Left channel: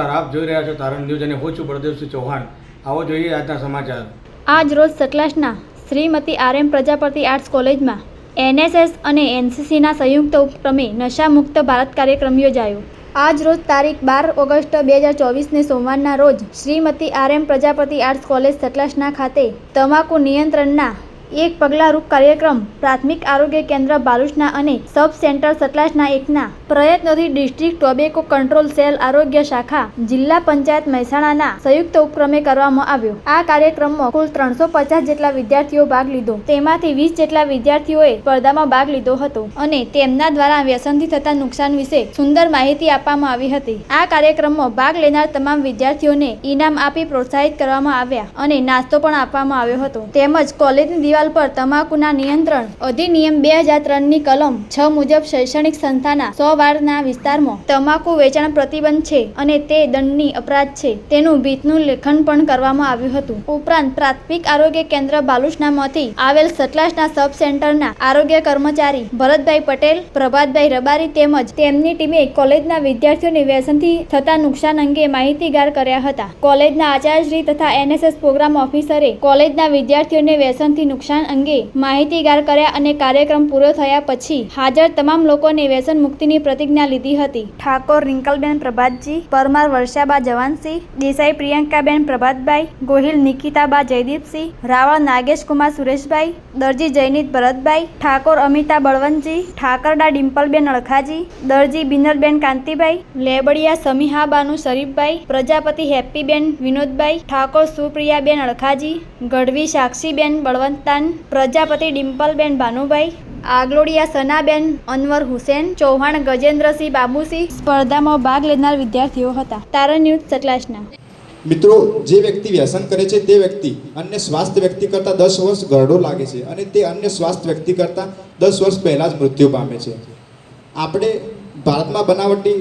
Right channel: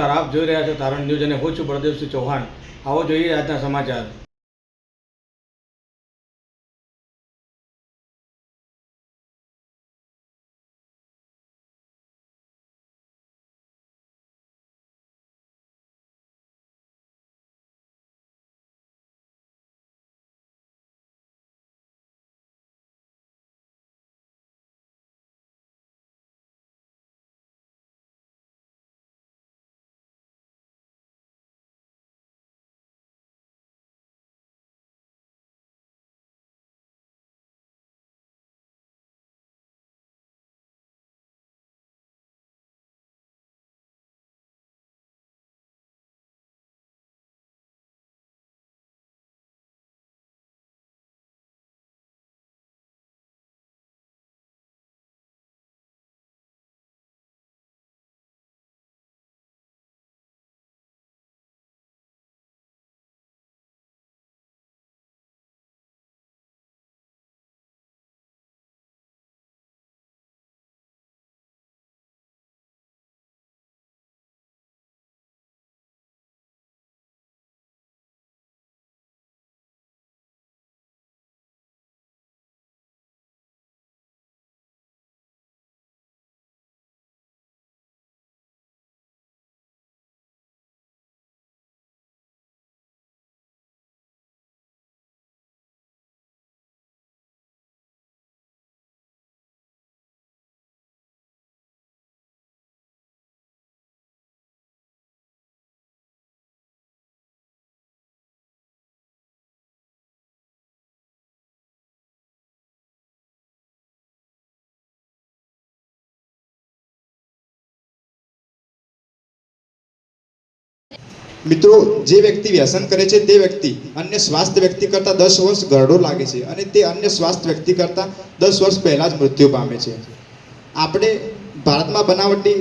નમસ્કાર, આપ જોઈ રહ્યા છો તારણ ન્યૂઝ અને હું છું પ્રદેવસિંહ ચૌહાણ. આવો જોઈએ આજના સમાચાર. આજ રોજ સકલાસના Shrimati R M Prajapati arts કોલેજમાં એનએસએસ અને એનસીસીના સંયુક્ત ઉપક્રમે નશામુક્ત ભારત કાર્યક્રમ યોજાયો. આજ રોજ તારીખ બાર ઓગસ્ટ બે હજાર ચોવીસને સોમવારના રોજ Shrimati R M Prajapati arts college સતલાસના ખાતે તમાકુ નિયંત્રણના એક પગલારૂપ કાર્યક્રમ પ્રાથમિક આરોગ્ય કેન્દ્ર બાલુચના અને સબ સેન્ટર સતલાસના એકના પ્રયત્નોથી ડિસ્ટ્રિક્ટ ટોબેકો કંટ્રોલ સેલ આરોગ્ય શાખા જિલ્લા પંચાયત મહેસાણાના સંયુક્ત ઉપક્રમે કરવામાં આવ્યો. આ કાર્યક્રમમાં કુલ ત્રણસો પચાસ જેટલા વિદ્યાર્થીઓ ભાગ લીધો. તેમાંથી વીસ જેટલા વિદ્યાર્થીઓએ સ્પર્ધામાં ભાગ લીધો હતો અને તેમના દ્વારા વ્યસનથી થતા નુકસાન વિશે સુંદર માહિતી આપવામાં આવી હતી. આ કાર્યક્રમમાં ભાગ લેનાર તમામ વિદ્યાર્થીઓને ઇનામ આપી પ્રોત્સાહિત કરવામાં આવ્યા અને નાસ્તો પણ આપવામાં આવ્યો હતો. તેમજ કોલેજની દિવાલ પર તમાકુના નિયંત્રણ અધિનિયમ બે હજાર ત્રણની કલમ છ મુજબ શૈક્ષણિક સંસ્થાના સો વારના વિસ્તારમાં તમાકુ વેચાણ પ્રતિબંધ છે અને તે દંડની અપરાધ છે. તેનું ભીતનું લેખન પણ કરવામાં આવ્યું હતું. ઉપરાંત પ્રાથમિક આરોગ્ય કેન્દ્ર બાલુસનામાંથી આવેલ સતલાસના સબ સેન્ટરના આરોગ્ય કર્મચારી ભરતભાઈ પટેલ, પ્રભાતભાઈ રબારી તેમજ તેમની ટીમે કોલેજના વિદ્યાર્થીઓને વ્યસનથી થતા નુકસાન અંગે માહિતીગાર કર્યા હતા. કોલેજના આચાર્યશ્રી તથા એનએસએસ પ્રોગ્રામ ઓફિસરે કોલેજના વિદ્યાર્થીઓને વ્યસનથી નુકસાન અંગે માહિતીગાર કર્યા અને કાર્યક્રમ પૂરો થયા પછી હાજર તમામ લોકોને વ્યસન મુક્તિની પ્રતિજ્ઞા લીધી હતી. ઠાકોર રિંકલબેન પ્રભાતજી, પરમાર વર્ષાબા જવાનસિંહ, દેસાઈ પ્રિયંકાબેન પ્રભાતભાઈ, ગોહિલ નિકિતાબા જયદીપસિંહ, રાવળ નાગેશકુમાર સુરેશભાઈ, દરજી જયનીત ભરતભાઈ, ઠાકોર અમિતા બળવંતજી, ઠાકરડા ડિમ્પલબેન અળખાજી, દરજી બિનરબેન કાંતિભાઈ, લેબડિયા સમીહાબાનુ શરીફભાઈ, પ્રજાપતિ હેપ્પીબેન વિનોદભાઈ, ઠાકોર સુપ્રિયાબેન અળખાજી, ગઢવી સાક્ષીબેન બળવંતાન પ્રજાપતિ ડિમ્પલબેન ભાનુભાઈ આગલોડિયા સનાબેન અનવર હુસેન ચૌહાણ ગજેન્દ્રસિંહ બાબુસિંહ સ્પર્ધામાં ભાગ લેનાર વિદ્યાર્થીઓ હતા. તારણ ન્યૂઝ સતલાસના મિત્રો જે વ્યક્તિ વ્યસન કરે છે તે વ્યક્તિ અન્ય સ્વાસ્થ્ય વ્યક્તિ કરતાં દસ વર્ષ ગરડો લાગે છે અને તે અન્ય સ્વાસ્થ્ય વ્યક્તિ કરતાં દસ વર્ષ પહેલાં જ મૃત્યુ પામે છે. આપણે ભારતમાં બનાવટી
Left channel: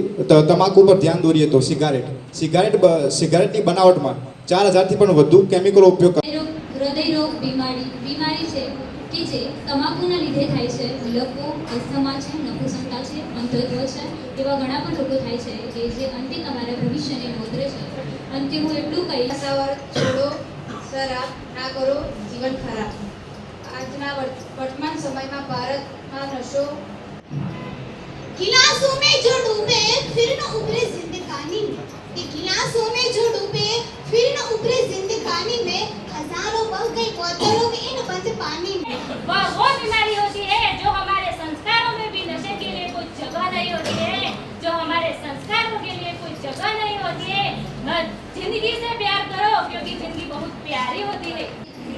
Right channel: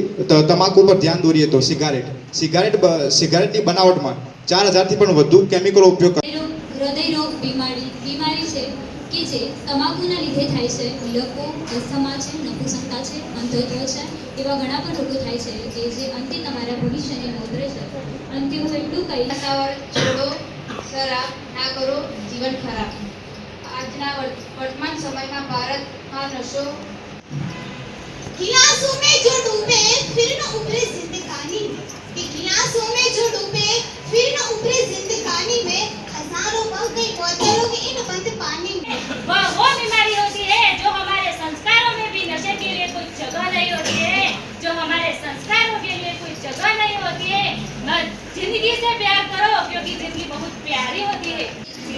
તમાકુ પર ધ્યાન દોરીએ તો સિગારેટ. સિગારેટ બ- સિગારેટની બનાવટમાં ચાર હજારથી પણ વધુ કેમિકલો ઉપયોગ કર- હૃદય રોગ બીમારી જે તમાકુના લીધે થાય છે લોકો અસ્થમા છે નપુસંતા છે અંધત્વ છે એવા ઘણા પણ રોગો થાય છે કે જે અંતે તમારા ભવિષ્યને મોતરે છે. અંતે હું એટલું કહીશ છોડો શરાબ ના કરો જીવન ખરાબ. આજના વર્તમાન સમયમાં ભારતમાં નશો ખિલાસુ મેં જો ડૂબે जिंदगी से प्यार करो क्योंकि जिंदगी बहुत प्यारी होती है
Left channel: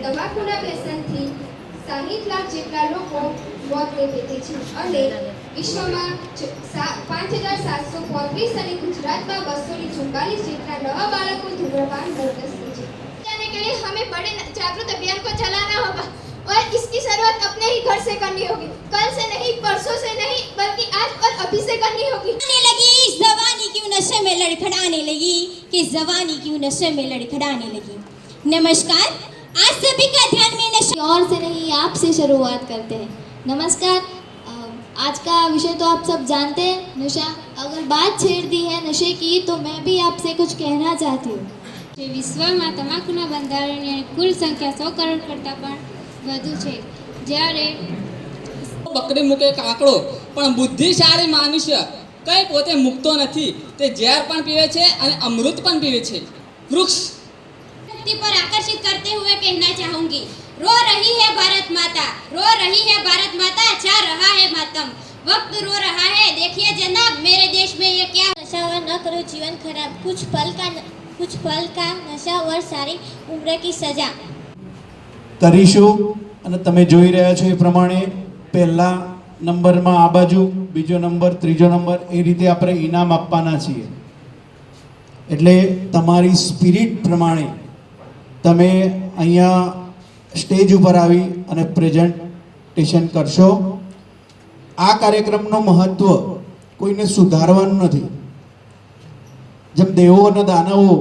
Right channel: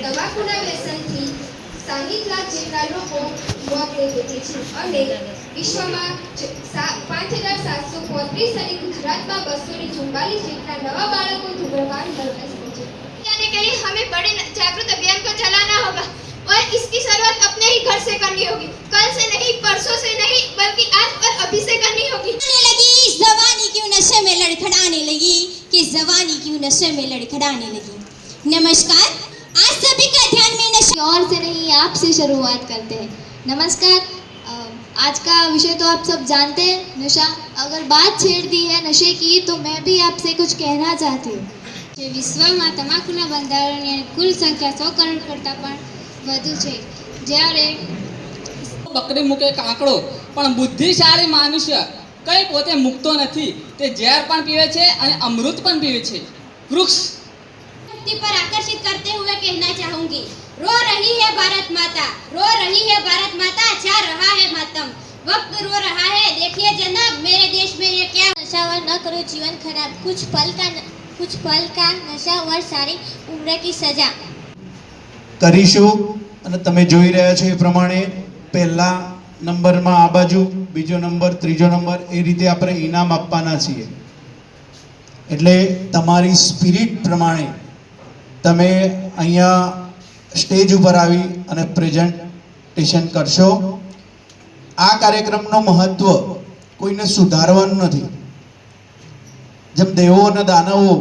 તમાકુના વ્યસનથી સાહીઠ લાખ જેટલા લોકો મોત વેઠે છે અને વિશ્વમાં ચ- સા- પાંચ હજાર સાતસો પોત્રીસ અને ગુજરાતમાં બસો ને ચુમ્બાલીસ જેટલા નવા બાળકો ધૂમ્રપાન કરગ્રસ્ત છે जाने के लिए हमें में लड़खड़ाने लगी कि जवानी क्यों नशे में लड़खड़ाने लगी नमस्कार आज सभी का ध्यान में नशे और से नहीं आपसे शुरुआत करते हैं नमस्कार अ, आज का विषय तो आप सब जानते हैं नशा अगर बात छेड़ दी है नशे की तो मैं भी आपसे कुछ कहना चाहती हूँ જે વિશ્વમાં તમાકુના બંધારણની કુલ સંખ્યા સો કરોડ કરતાં પણ વધુ છે જ્યારે બકરી મૂકે કાંકડો પણ બુદ્ધિશાળી મનુષ્ય કંઈ પોતે મૂકતો નથી તે ઝેર પણ પીવે છે અને અમૃત પણ પીવે છે વૃક્ષ मुक्ति पर आकर्षित करते हुए कहना चाहूंगी रो रही है भारत माता रो रही है भारत माता जा रहा है मातम वक्त रो रहा है देखिए जनाब मेरे देश में ये क्या नशावर न करो जीवन खराब कुछ पल का कुछ पल का नशावर सारी उम्र की सजा કરીશું અને તમે જોઈ રહ્યા છો એ પ્રમાણે પહેલા નંબરમાં આ બાજુ, બીજો નંબર, ત્રીજો નંબર, એ રીતે આપણે ઇનામ આપવાના છીએ. એટલે તમારી સ્પિરિટ પ્રમાણે તમે અહીંયા સ્ટેજ ઉપર આવી અને પ્રેઝન્ટેશન કરશો. આ કાર્યક્રમનું મહત્વ કોઈને સુધારવાનું નથી. જેમ દેવો અને દાનવો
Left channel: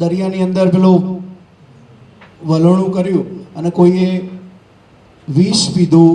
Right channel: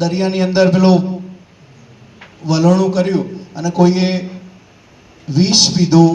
દરિયાની અંદર પેલું વલણું કર્યું અને કોઈએ વિષ પીધું